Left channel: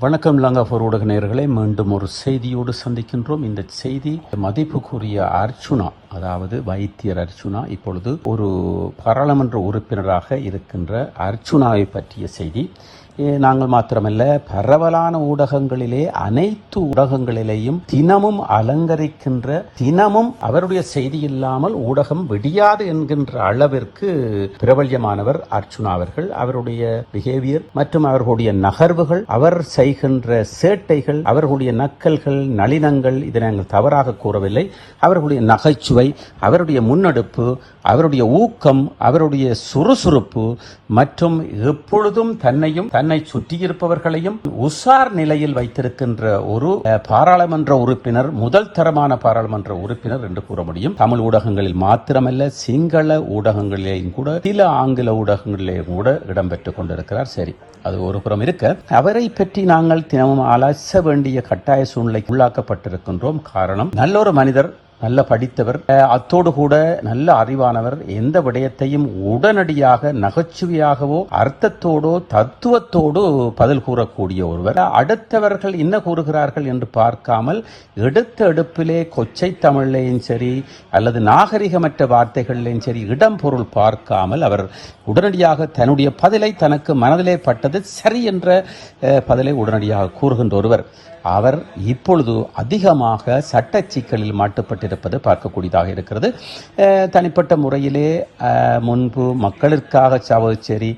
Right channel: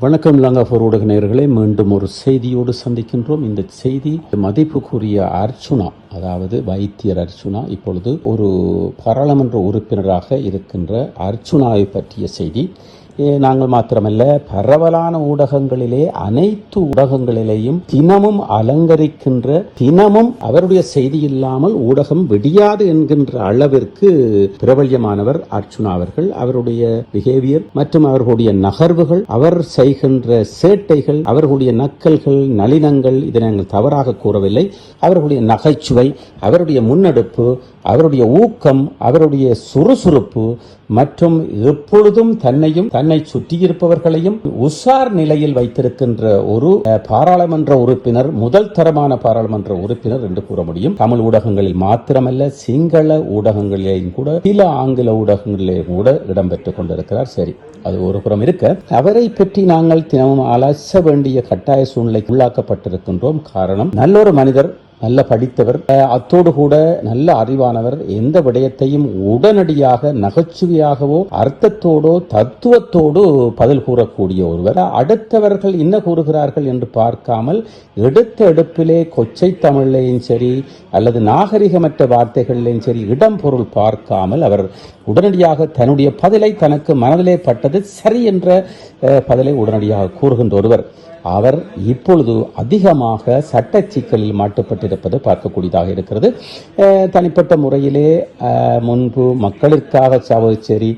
வணக்கம் லங்காபூர் ஊடக நேர்களை மீண்டும் ஒரு செய்தியோடு சந்திக்கின்றோம். இந்த செய்தி மதிப்புக்குரிய அர்ச்சுனா. அதாவது வைத்தியர் அர்ச்சுனா இப்பொழுது ஒரு பாராளுமன்ற உறுப்பினராக இருக்கின்ற அர்ச்சுனாவை பற்றிய செய்தி. நாங்கள் மாத்திரமல்ல பரவலான ஊடகங்களிலே அனைத்து ஊடகங்களிலேயும் தினமும் அலங்கரிக்கின்ற தினமும் அவருடைய செய்தி இல்லாமல் ஊடகம் விடியாது என்கின்ற அளவிற்கு பிரபல்யமானவர் அர்ச்சுனா அவர்கள். அவருடைய பிஹேவியர் மற்றும் அவர்களுடைய நகர்வுகள் அவர் செய்கின்ற சேட்டைகள் அவர்களுடைய நக்கல்கள் நளினங்கள் இதை நாங்கள் தவறாக கூறவில்லை. அவர்களுடைய நகைச்சுவை அவருடைய முன்னெடுப்பு அவருடைய ஊக்கம் அவருடைய சுறுசுறுப்பு மற்றும் எப்பொழுதும் தன்னையும் தன்னை சுற்றியிருப்பவர்களையும் உசார் நிலையில் வைத்திருக்கின்ற ஒரு பாராளுமன்ற உறுப்பினர் முதல் தரமான பாராளுமன்ற உறுப்பினர் என்று கூற முடியும். தமிழ் ஊடகங்களில் மாத்திரமல்ல சிங்கள ஊடகங்களிலேயும் கூட சில ஆங்கில ஊடகங்களிலேயும் கூட இடம்பெற்றுக் கொண்டிருக்கிறார். சரி அது ஒரு புறம் இருக்க. அவரை பற்றி நாங்கள் தினமும் அலச வேண்டிய கட்டாய சூழ்நிலைக்கு உள்ளாக்கப்பட்டிருக்கின்றோம். காரணம் நல்லொரு மனிதர் நல்ல படித்தவர் அத்தோடு கூட நல்ல அறிவானவர் எந்த விடயத்தையும் உடனடியாக நகைச்சுவையாகவோ அர்த்தத்தோடோ தத்துவத்தோடு பதில் கூறக்கூடிய ஒருவர். அடுத்தவர்கள் என்ன கூறுகிறார்கள் என்று பார்க்காமல் எடுத்த எடுப்பிலே கொச்சை தமிழிலேயும் சரி அல்லது நாகரிகமற்ற வார்த்தைகளிலேயும் சரி இடம் பொருள் பார்க்காமல் அவர் உடனடியாக தன்னுடைய பதிலை தனக்கு மனதிலே பட்டது சரி என்ற பதிலை உடனடியாக கூறுகின்ற ஒருவர். அவர் இப்பொழுது அதிகமாக சட்ட சிக்கலில் மாட்டப்பட்டிருப்பது பார்க்கக்கூடியதாக இருக்கிறது. தனிப்பட்ட முறையிலே முன்பு மக்களுக்காக சாவச்சேரி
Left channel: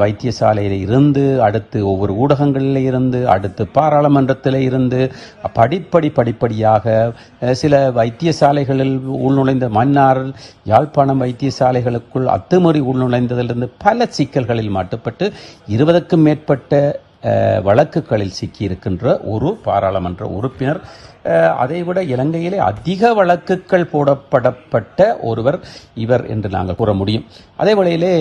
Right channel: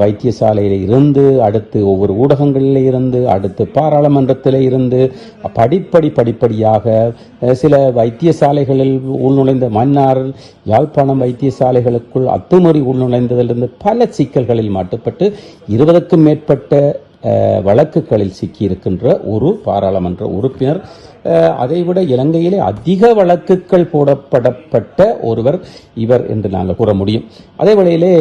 வைத்தியசாலையில் இருந்து அடுத்து ஒவ்வொரு ஊடகங்களில் இருந்து அடுத்து பாராளுமன்றத்தில் இருந்து படிப்படி படிப்படியாக சில வைத்தியசாலைகளில் உள்நுழைந்த மன்னார் யாழ்ப்பாணம் வைத்தியசாலைகளுக்குள் அத்துமறி உள்நுழைந்ததிலிருந்து பல சிக்கல்களில் மாட்டுப்பட்டு இருபதுக்கும் மேற்பட்ட வழக்குகளில் சிக்கியிருக்கின்ற ஒரு பாராளுமன்ற உறுப்பினர் அதைவிட இலங்கையிலே அதிக வழக்குகள் போடப்படப்பட்ட ஒருவர் இவர் என்று நாங்கள் கூற முடியும். அதே வேளையிலே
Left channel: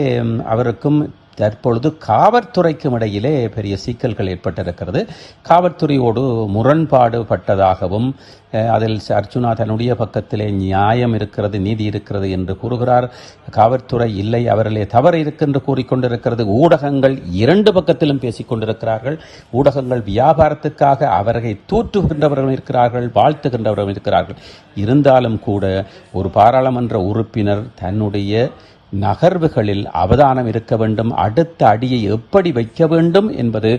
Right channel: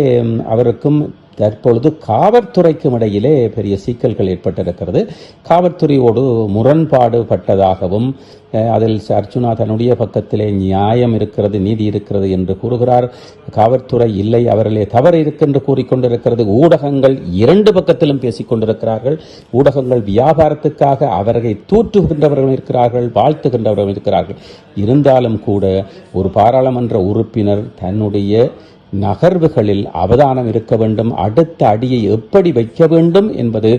அவருக்கும் தற்பொழுது காவல்துறைக்கும் இடையிலே பெரிய சிக்கல்கள் ஏற்பட்டிருக்கிறது. காவல்துறையோடு முரண்பாடு பட்டதாகவும் அதில் அர்ஜுனா தன்னுடைய பக்கத்திலே நியாயம் இருக்கிறது நீதி இருக்கிறது என்று கூறுகிறார். காவல்துறை இல்லை அவர்களே தவறு இருக்கென்று கூறிக்கொண்டிருக்கிறது. ஊடகங்கள் இரண்டு பக்கத்திலும் பேசிக் கொண்டிருக்கிறார்கள் ஊடகங்கள் வியாபாரத்துக்காக அவர்களை தூற்றுகின்றவர்கள் இருக்கிறார்கள் வாழ்த்துகின்றவர்களும் இருக்கிறார்கள். இருந்தாலும் கூட ஒரு பாராளுமன்ற உறுப்பினர் தன்னுடைய நகர்வுகளில் அவதானம் இருக்க வேண்டும் அடுத்த அடியை எப்படி வைக்க வேண்டும் என்பது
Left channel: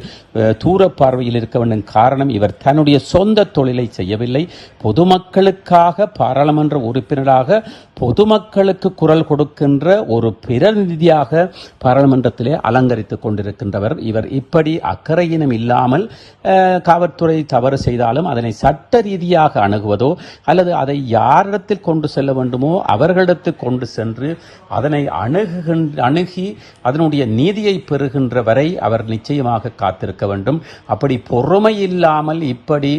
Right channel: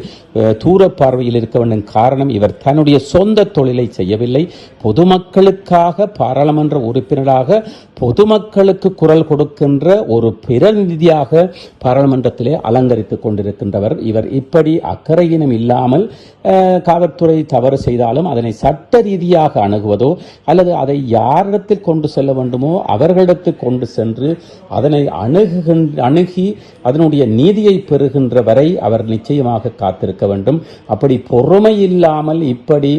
தூர பார்வையில் இருக்க வேண்டும் காரணம் இவர் தன்னுடைய சொந்த தொழிலை செய்யவில்லை. பொதுமக்களுக்காக பாராளுமன்ற உறுப்பினராக பொதுமக்களுக்கு குரல் கொடுக்கின்ற ஒரு பிரதிநிதியாக பாராளுமன்றத்திலே அலங்கரித்துக் கொண்டிருக்கின்றவர். இவர் இப்படி அக்கறையினம் இல்லாமல் காவல்துறை தவறு செய்தாலும் அதனை சட்ட ரீதியாக அணுகுவதோ அல்லது அதை யாரிடத்தில் கொண்டு செல்ல வேண்டுமோ அவர்களிடத்தில் கொண்டு சென்று அதனை அணுகுகின்ற அணுகி அதனுடைய நீதியை பெறுகின்ற வரை அவர் நிச்சயமாக காத்திருக்க வேண்டும். அப்படி பொறுமை இல்லாமல் இப்படி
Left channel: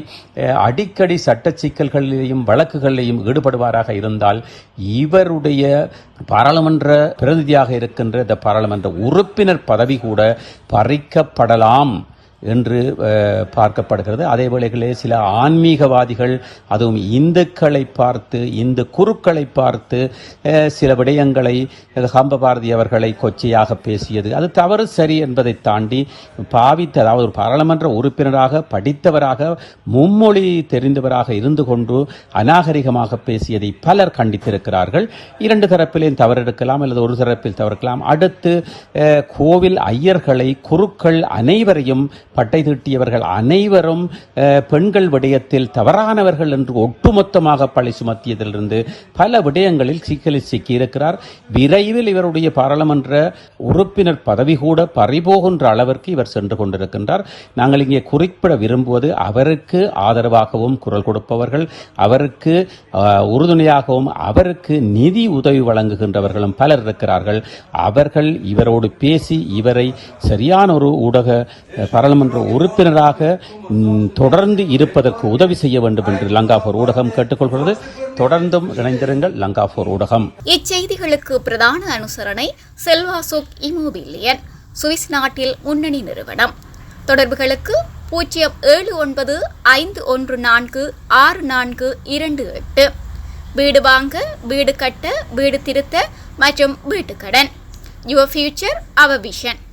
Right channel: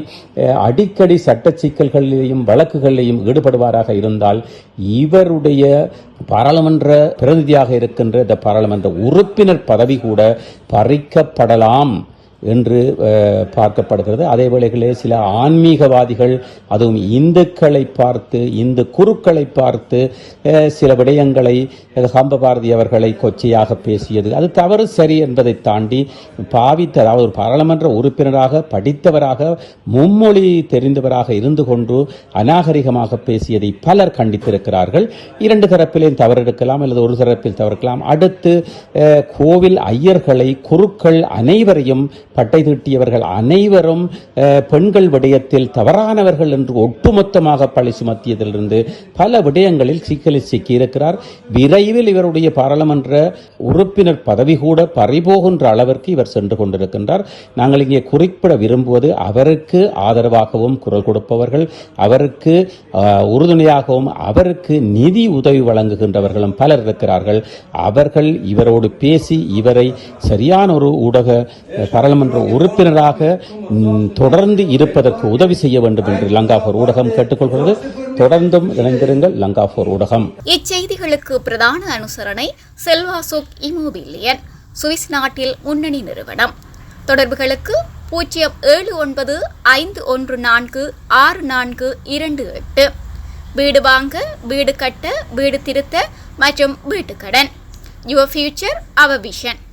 அடிக்கடி சட்ட சிக்கல்களிலேயும் வழக்குகளிலேயும் ஈடுபடுவாராக இருந்தால் இவருடைய பாராளுமன்ற பிரதிநிதியாக இருக்கின்ற இந்த பாராளுமன்ற உறுப்பினர் பதவி கூட பறிக்கப்படலாம். என்று பார்க்கப்படுகிறது. அதே சில ஆன்மீகவாதிகள் அதுவும் இந்துக்களை பார்த்து இந்து குருக்களை பார்த்து சில விடயங்களை அஹ், ஹம்ப பாரதி அவர்களை கொச்சையாக பேசியது. அது தவறு சரி என்பதை தாண்டி பாவித்த அதாவது ஒரு பாராளுமன்ற உறுப்பினராக படித்தவராக மும்மொழி தெரிந்தவராக இருந்து கொண்டு அநாகரிகமாக பேசியதை பலர் கண்டித்திருக்கிறார்கள். இரண்டு தரப்பிலேயும் தவறு இருக்கலாம் அல்லது ஒரு தரப்பில் தவறுக்கலாம் அடுத்து கோவில் ஐயர்களை குருக்கள் அனைவரையும் பட்டை தீட்டியவர்கள் அனைவரும் பெண்கள் விடயத்தில் தவறானவர்கள் என்று ஒட்டுமொத்தமாக பழி சுமத்தியதிலிருந்து பல விடயங்களில் சிக்கலில் சிக்கியிருக்கிறார். விரைவில் இவருடைய பாராளுமன்ற உறுப்பினர் பதவி கூட பறிபோகின்ற அளவிற்கு இவர் சென்று கொண்டிருக்கின்றார். நாங்கள் இங்கே குறிப்பிட விரும்புவது அவருக்கு ஆதரவாகவும் குரல் கொடுப்பவர்கள் அவருக்கு உறுதுணையாகவும் அவருக்கு நிதி உதவி வழங்குகின்றவர்களும் பலர் இருக்கிறார்கள். அவர்கள் இவரோடு பேசி இவரை சரியான ஒரு ஊடக பாராளுமன்ற பாராளுமன்ற உறுப்பினராக தொடர்ந்து இருப்பதற்கு உதவி செய்ய வேண்டும் என்று லங்காபூர் ஊடகம் கேட்டுக்கொள்கிறது. தொடர்ந்தும் இணைந்திருங்கள் லங்காபூர் ஊடகம். இச்செய்திகளுக்கு பிரதான அனுசரணை செல்வா சுக் இமோபிலியன் சுவிஸ் நாட்டில் முன்னணி நிறுவனம். தொடர்புகளுக்கு பூஜ்ஜியம் ஏழு ஒன்பது ஐந்து ஒன்று நான்கு ஆறு நான்கு இரண்டு எட்டு. வீடு வாங்க வீடு கட்ட வீடு திருத்த மற்றும் வீட்டுக்கடன். Your future our vision